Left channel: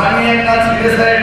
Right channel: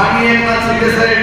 মাননীয় একবার সিদ্দেশ্বরের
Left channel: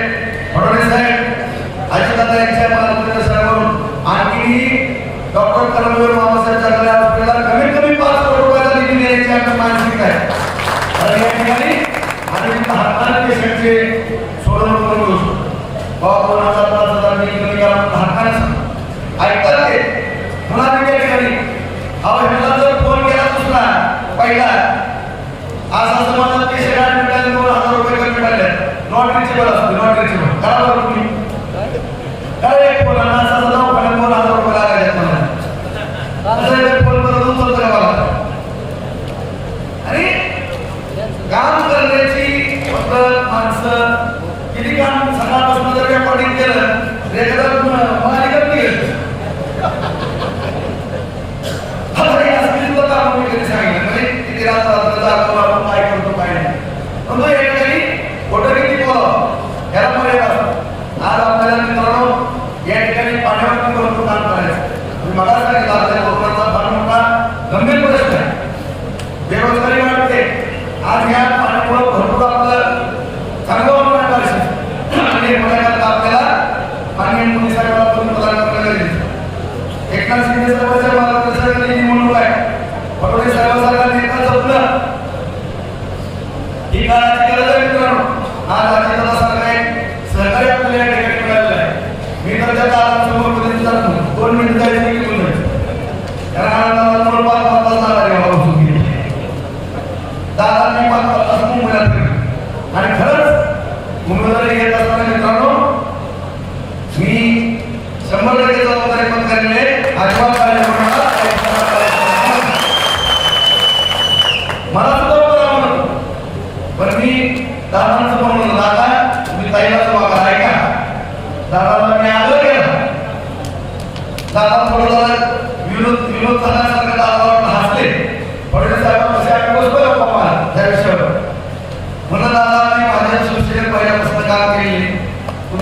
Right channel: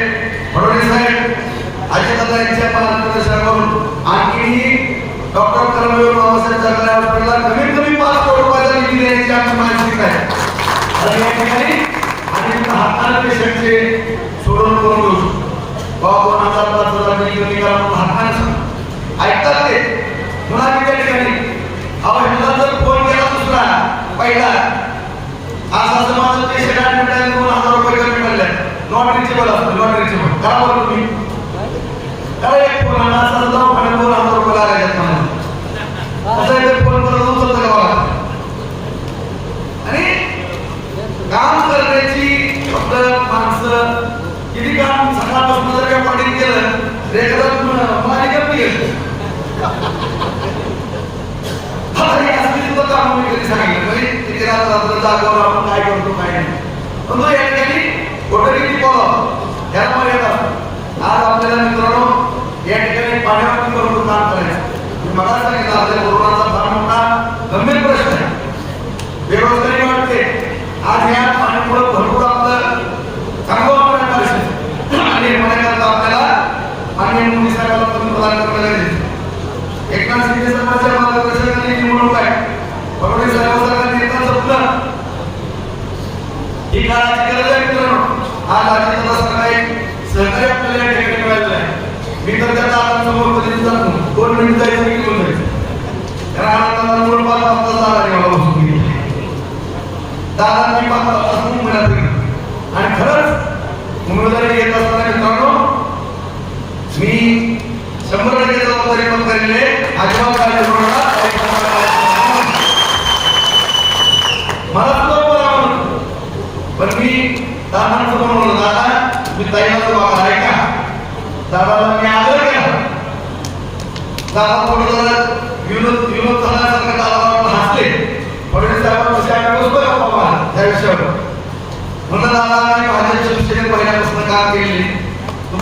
ఇలా దగ్గర దగ్గర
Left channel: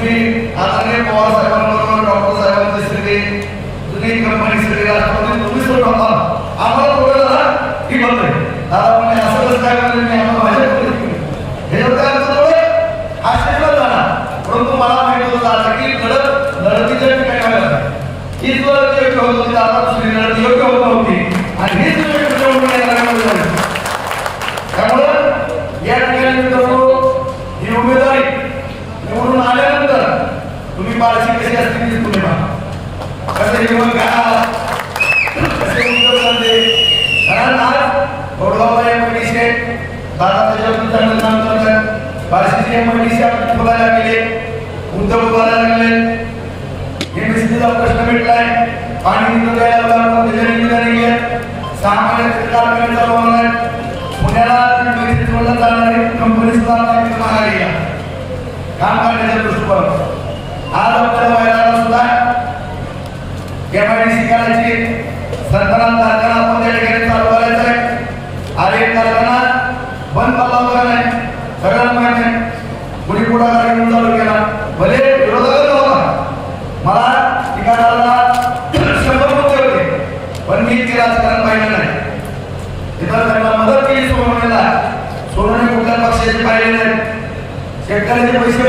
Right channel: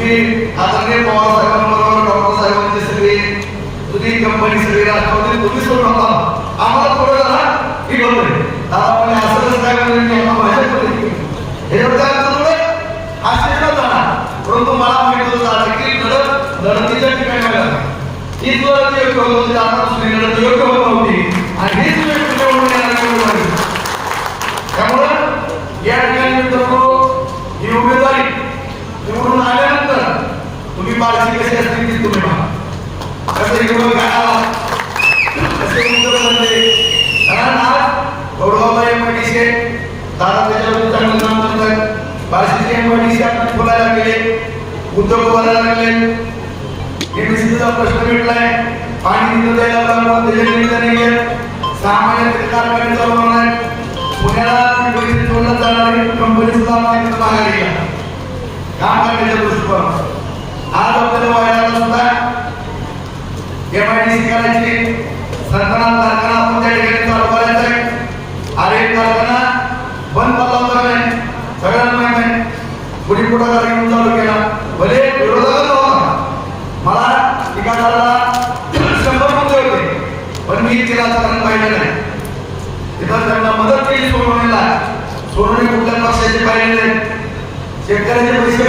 আজকে আজকে বড় హిందూ వేళల్లో తెలియజేయడానికి సామాన్య త్రికాలకంలో ఉన్నాయి పుణ్యాలను గురించి ఉన్నతాన్ని గురిస్తామని కాపాడే చూసుకోవాలి ఆ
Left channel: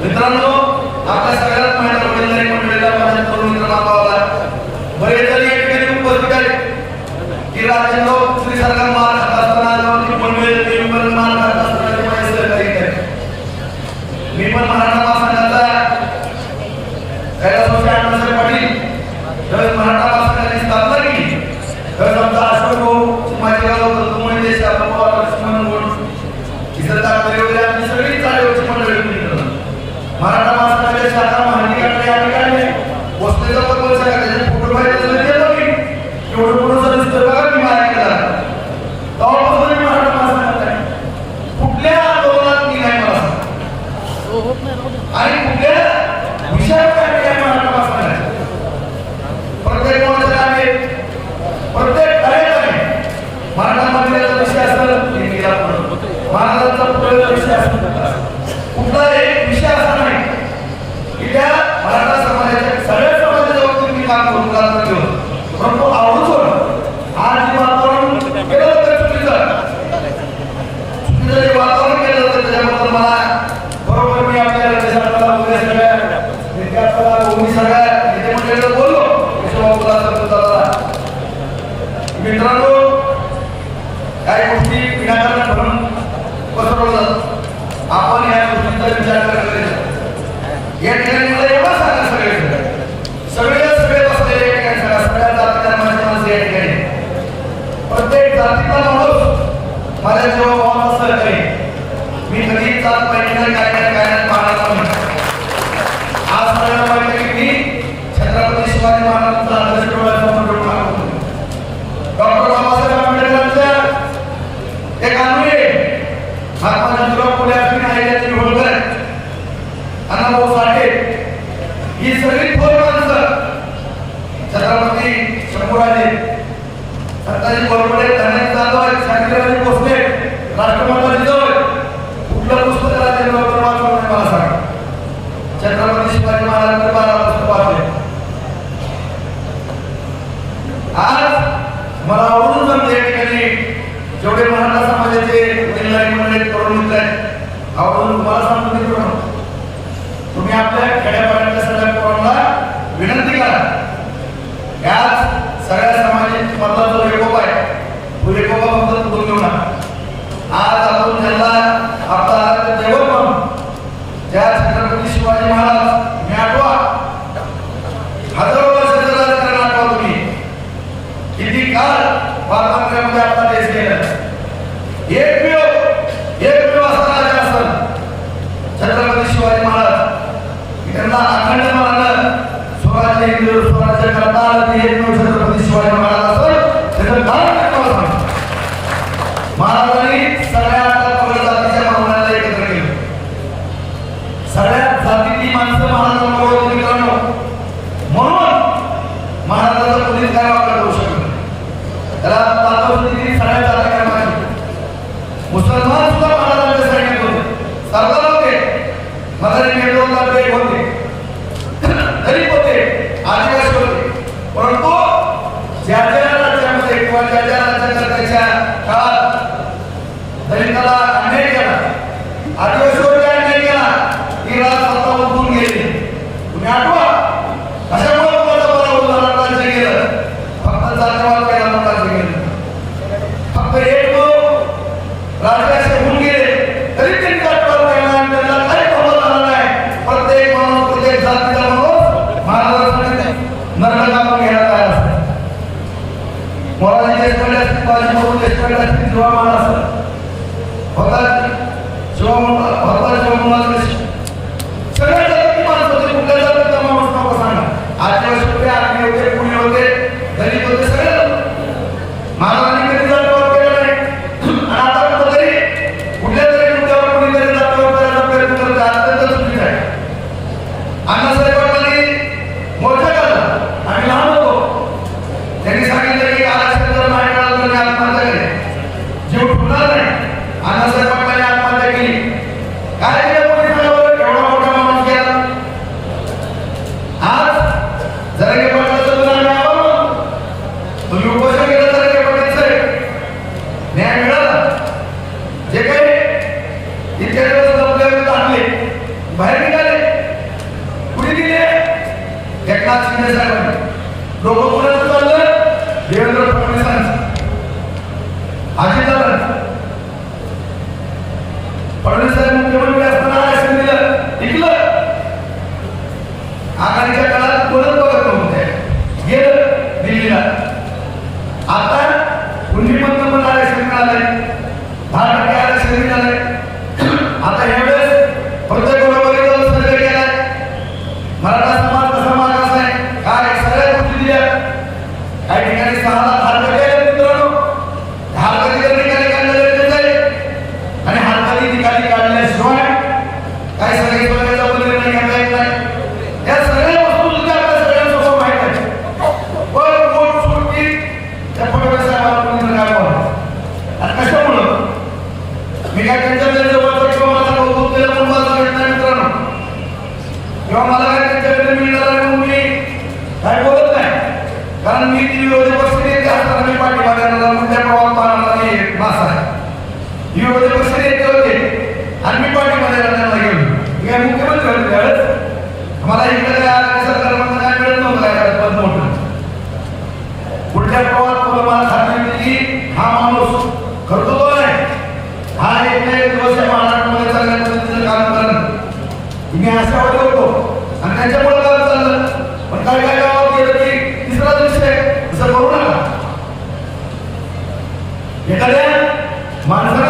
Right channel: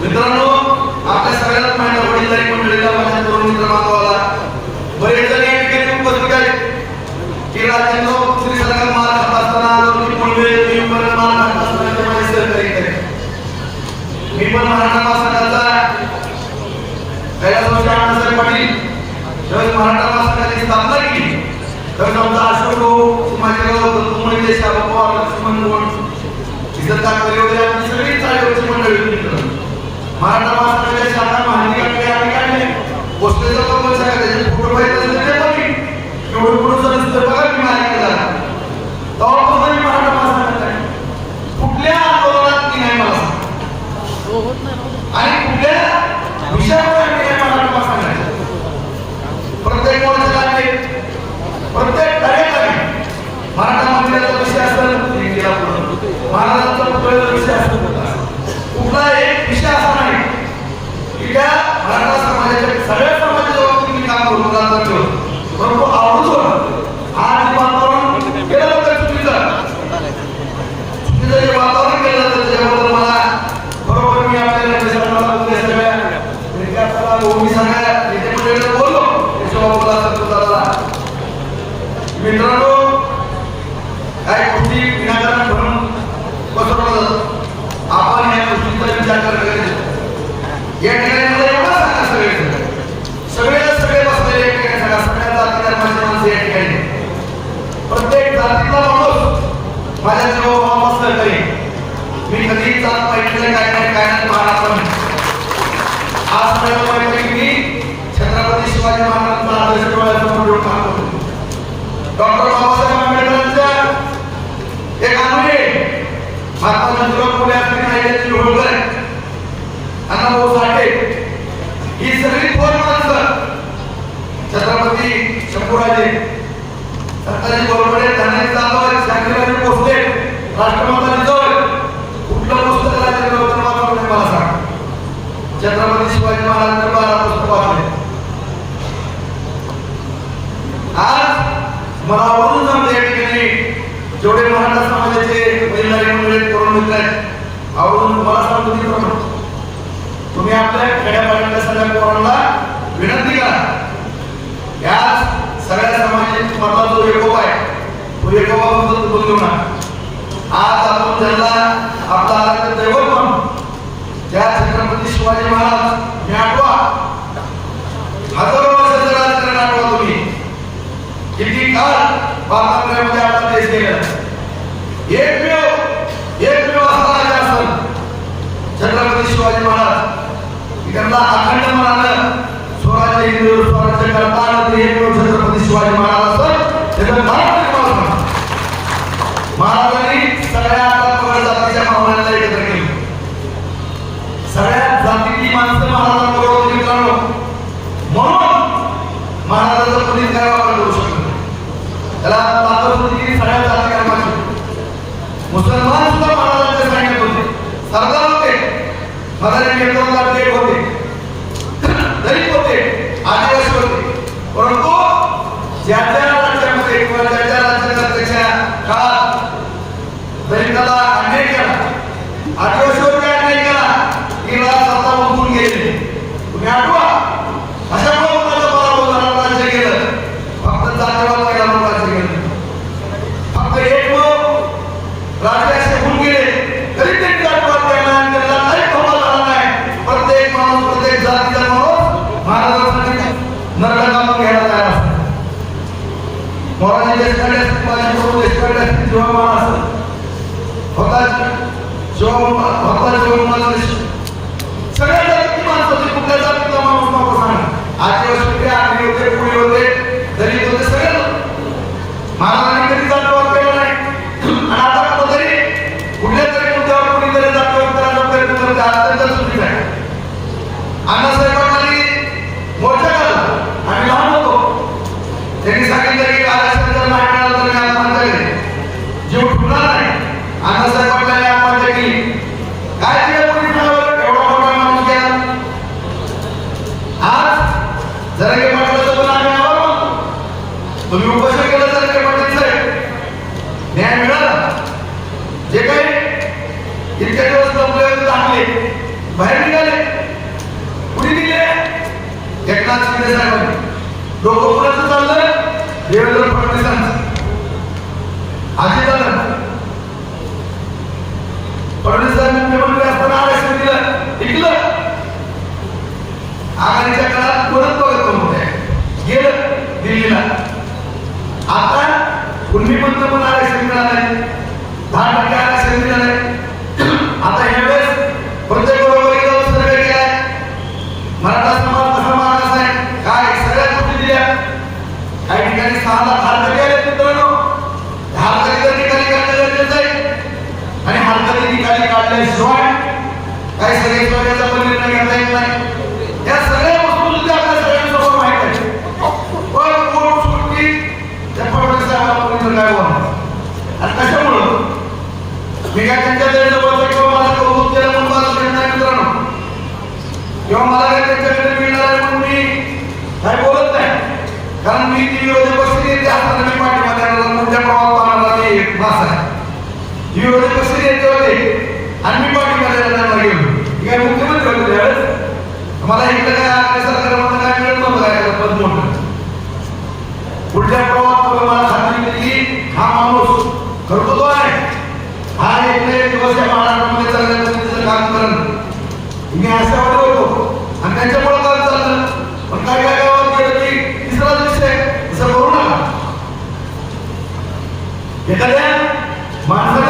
मित्रांनो Lord. ఎక్కడ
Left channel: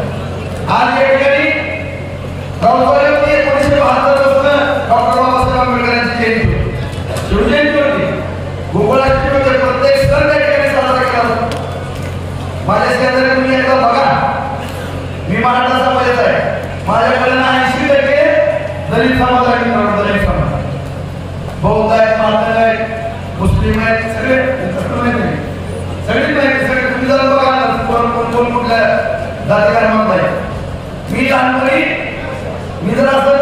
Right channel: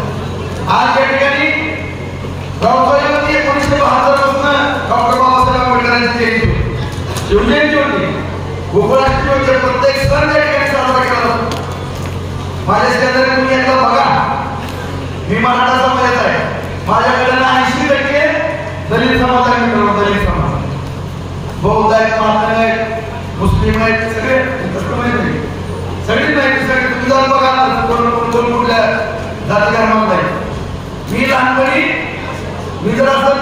জাতিকার নাম দেয় ফি দান করি নিজের রাস্তা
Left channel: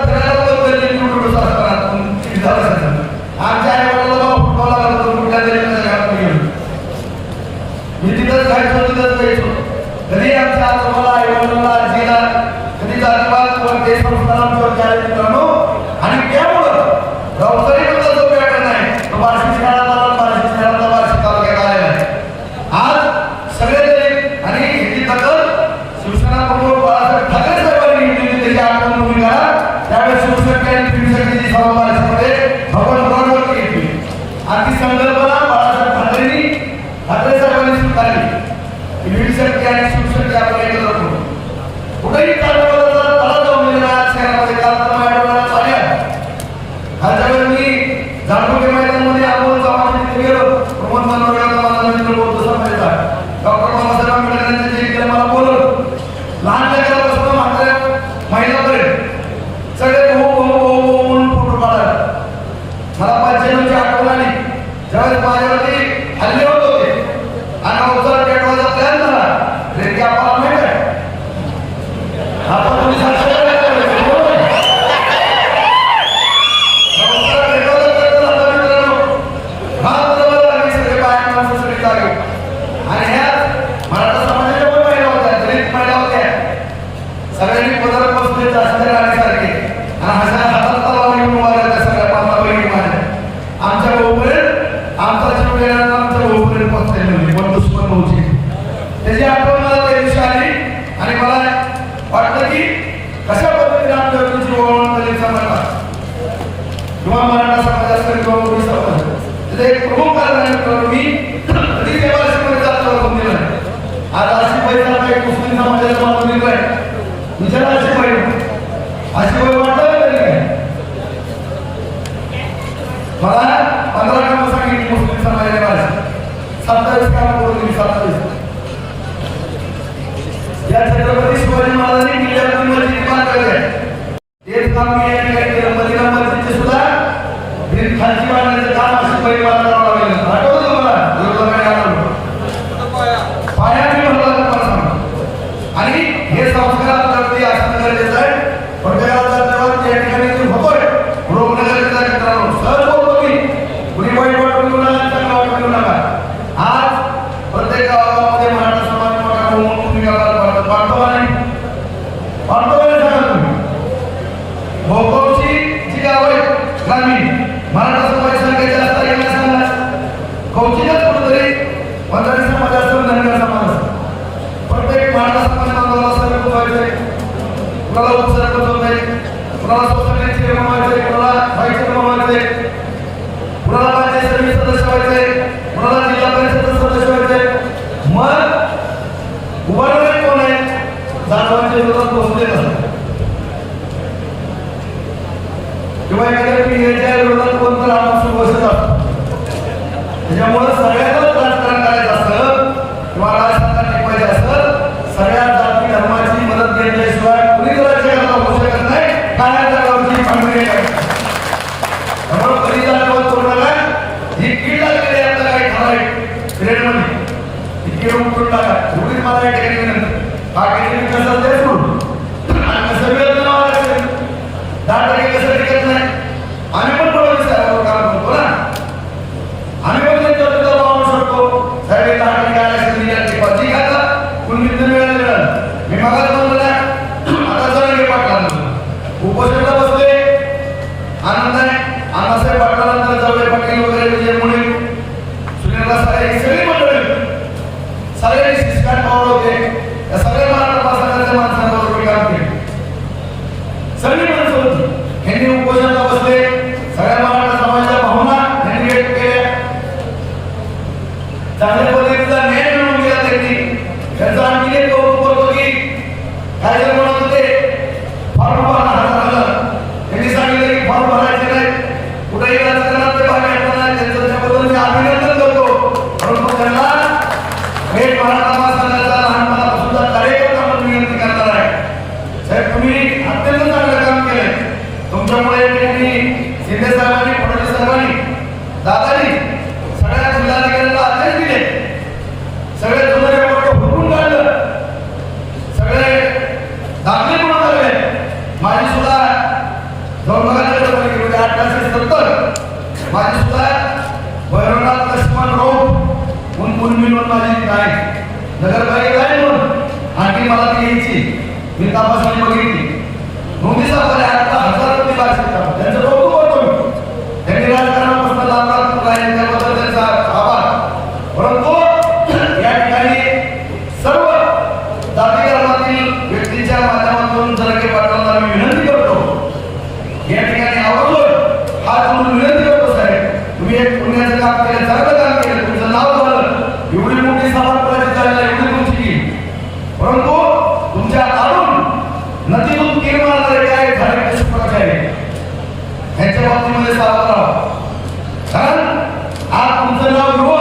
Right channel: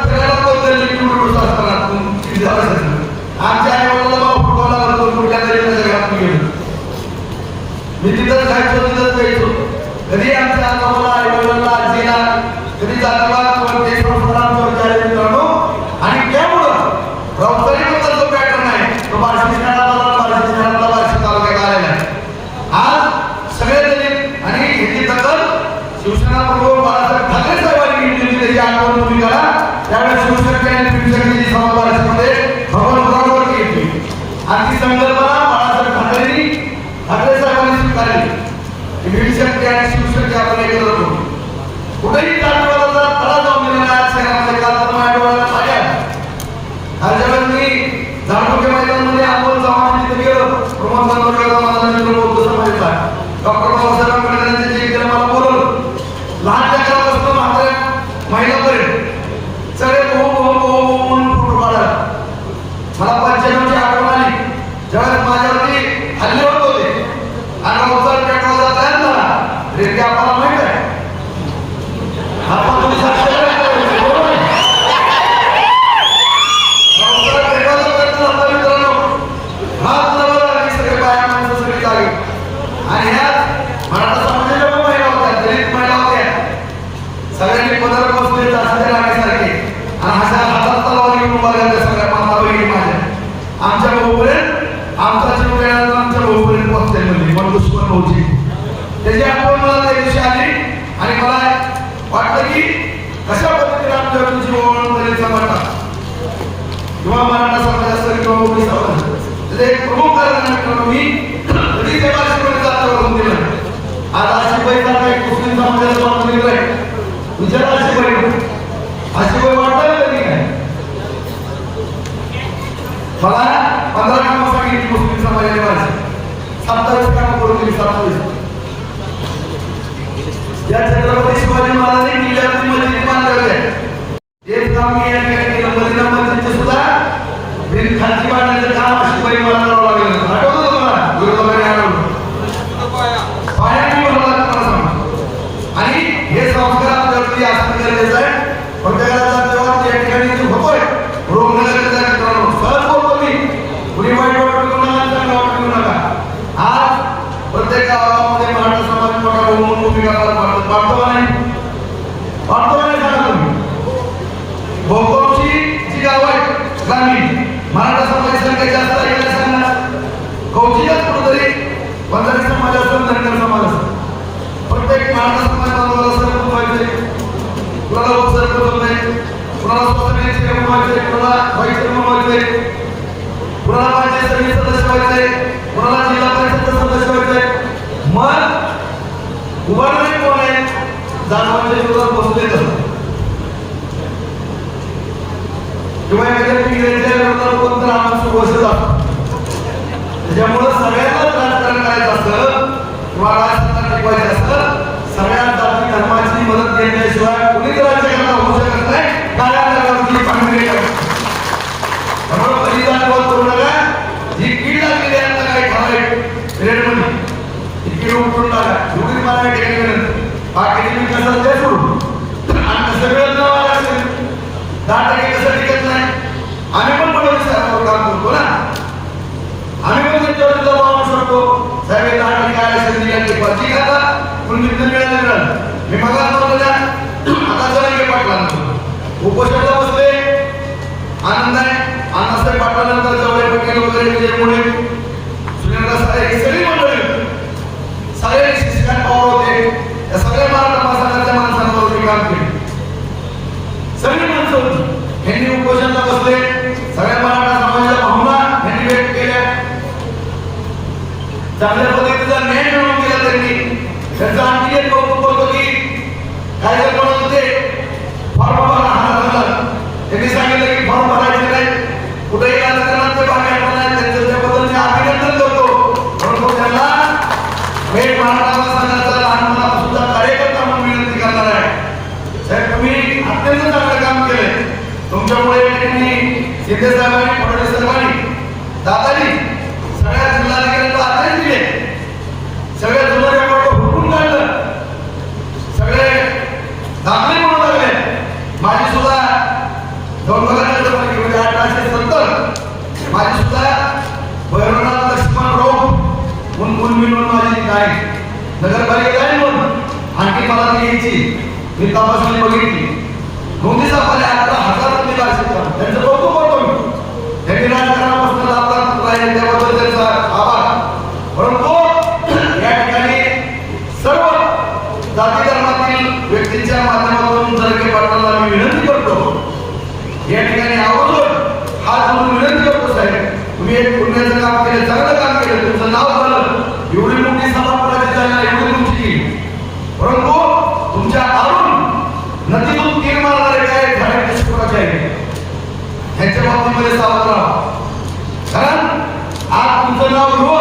तुम्ही माझ्या पिढ्यांच्या त्याच्यामुळं ह्याच्या बाबतीमध्ये सावध राहा कारण हा तुमचं नाव